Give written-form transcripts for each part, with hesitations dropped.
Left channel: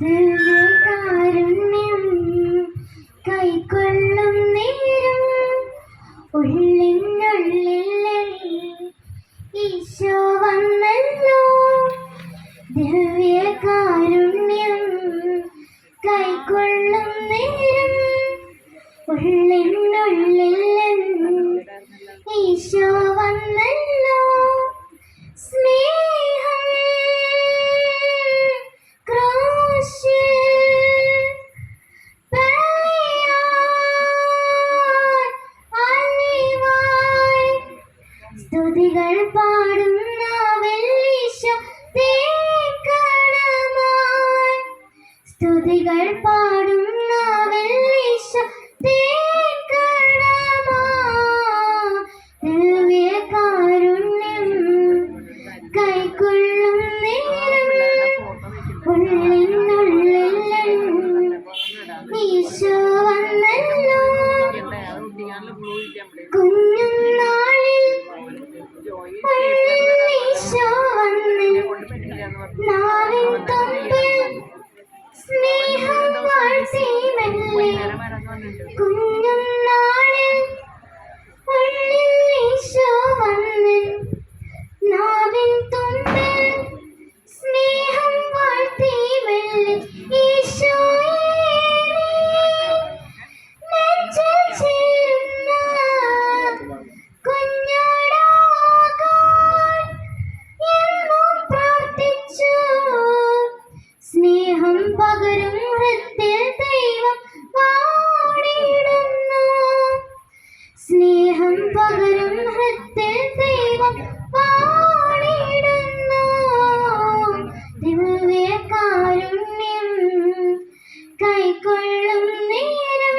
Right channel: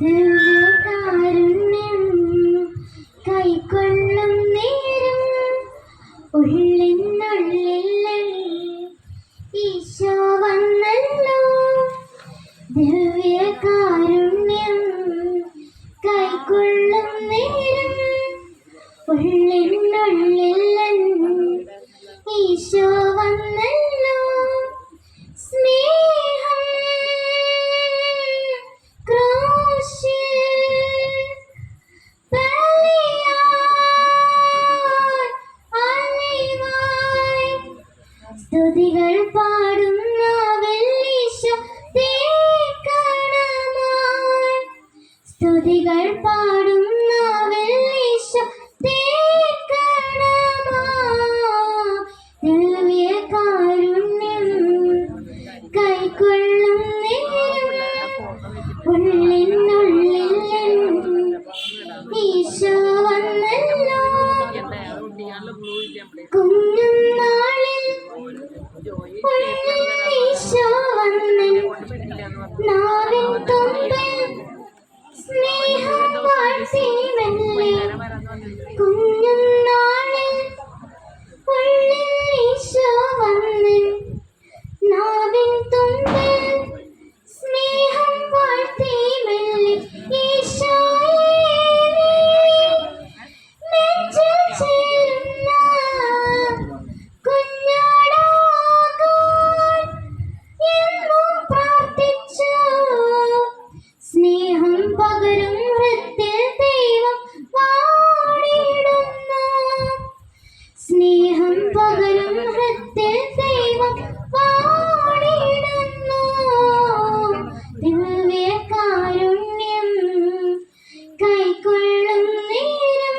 ദിവ്യകാരുണ്യം കൈക്കൊള്ളും നേരം ഉള്ളിനുള്ളിൽ ഈശോ വന്നല്ലോ. ദിവ്യകാരുണ്യം കൈക്കൊള്ളും നേരം ഉള്ളിനുള്ളിൽ ഈശോ വന്നല്ലോ. സ്നേഹം സ്തുതികൾ പാടുന്ന വെള്ളീശോ തേക്കണമായി. സ്തുതികൾ പാടുന്ന വെള്ളീശോ തേക്കണമായി. ദിവ്യകാരുണ്യം കൈക്കൊള്ളും നേരം ഉള്ളിനുള്ളിൽ ഈശോ വന്നല്ലോ. കുഞ്ഞുനാളിൽ ഈശോ വന്ന് നാവിൻ തുമ്പിൽ സ്നേഹം വാഴ്ത്തി മെല്ലെ. കുഞ്ഞുനാളിൽ ഈശോ വന്ന് നാവിൻ തുമ്പിൽ സ്നേഹം വാഴ്ത്തി മെല്ലെ. ഈശോയെ നെഞ്ചിൽ ചേരുന്ന കുഞ്ഞാടാകാൻ എന്നും പ്രാർത്ഥിച്ചു. സ്നേഹം പകരും ഹൃത്തിൽ ദൈവം വാണിടുന്നു. സ്നേഹം പകരും ഹൃത്തിൽ ദൈവം വാണിടുന്നു. ദിവ്യകാരുണ്യം കൈക്കൊള്ളും നേരം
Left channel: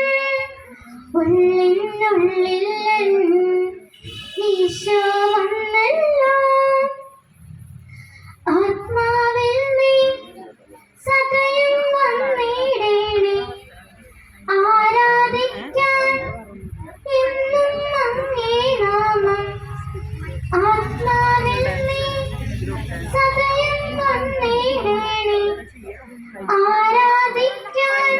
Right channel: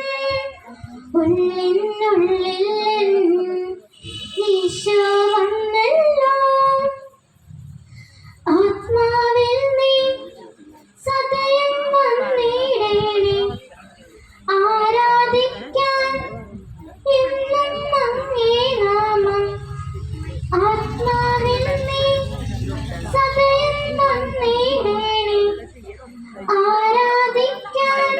ഉള്ളിനുള്ളിൽ ഈശോ വന്നല്ലോ. ആത്മാവിൽ നീ സകലം വന്നിടേണേ. ആരാധിക്കാൻ എന്നും അങ്ങേ നാമം. ആത്മാവിൽ നീ സകലം വന്നിടേണേ. ആരാധിക്കാൻ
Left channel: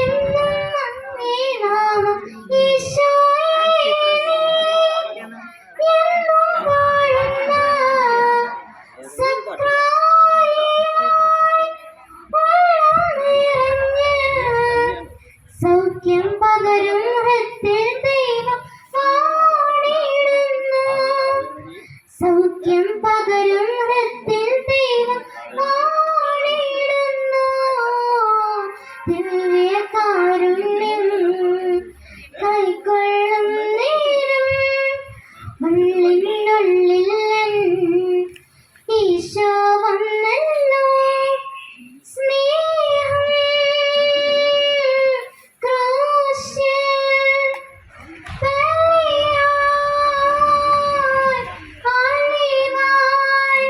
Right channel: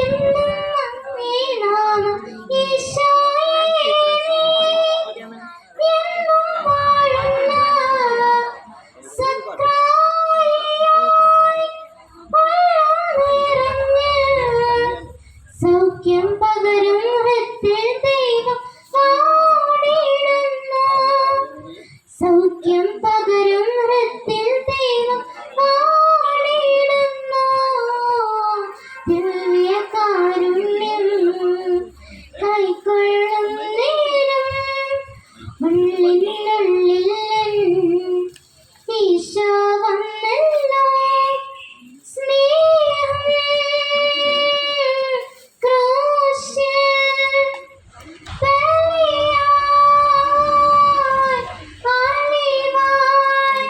എന്നും അങ്ങേ നാമം. ഈശോയെ എന്നും വാഴുന്ന സക്രാരിയായി ഉള്ളം നിറഞ്ഞ് സൗഖ്യം പകരും ഹൃത്തിൽ ദൈവം വാണിടുന്നു. സൗഖ്യം പകരും ഹൃത്തിൽ ദൈവം വാണിടുന്നു. ദിവ്യകാരുണ്യം കൈക്കൊള്ളും നേരം ഉള്ളിനുള്ളിൽ ഈശോ വന്നല്ലോ. സ്നേഹം ക്രൂശിൽ ബലിയായി അലിവായി.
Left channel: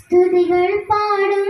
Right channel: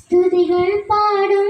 സ്തുതികൾ പാടും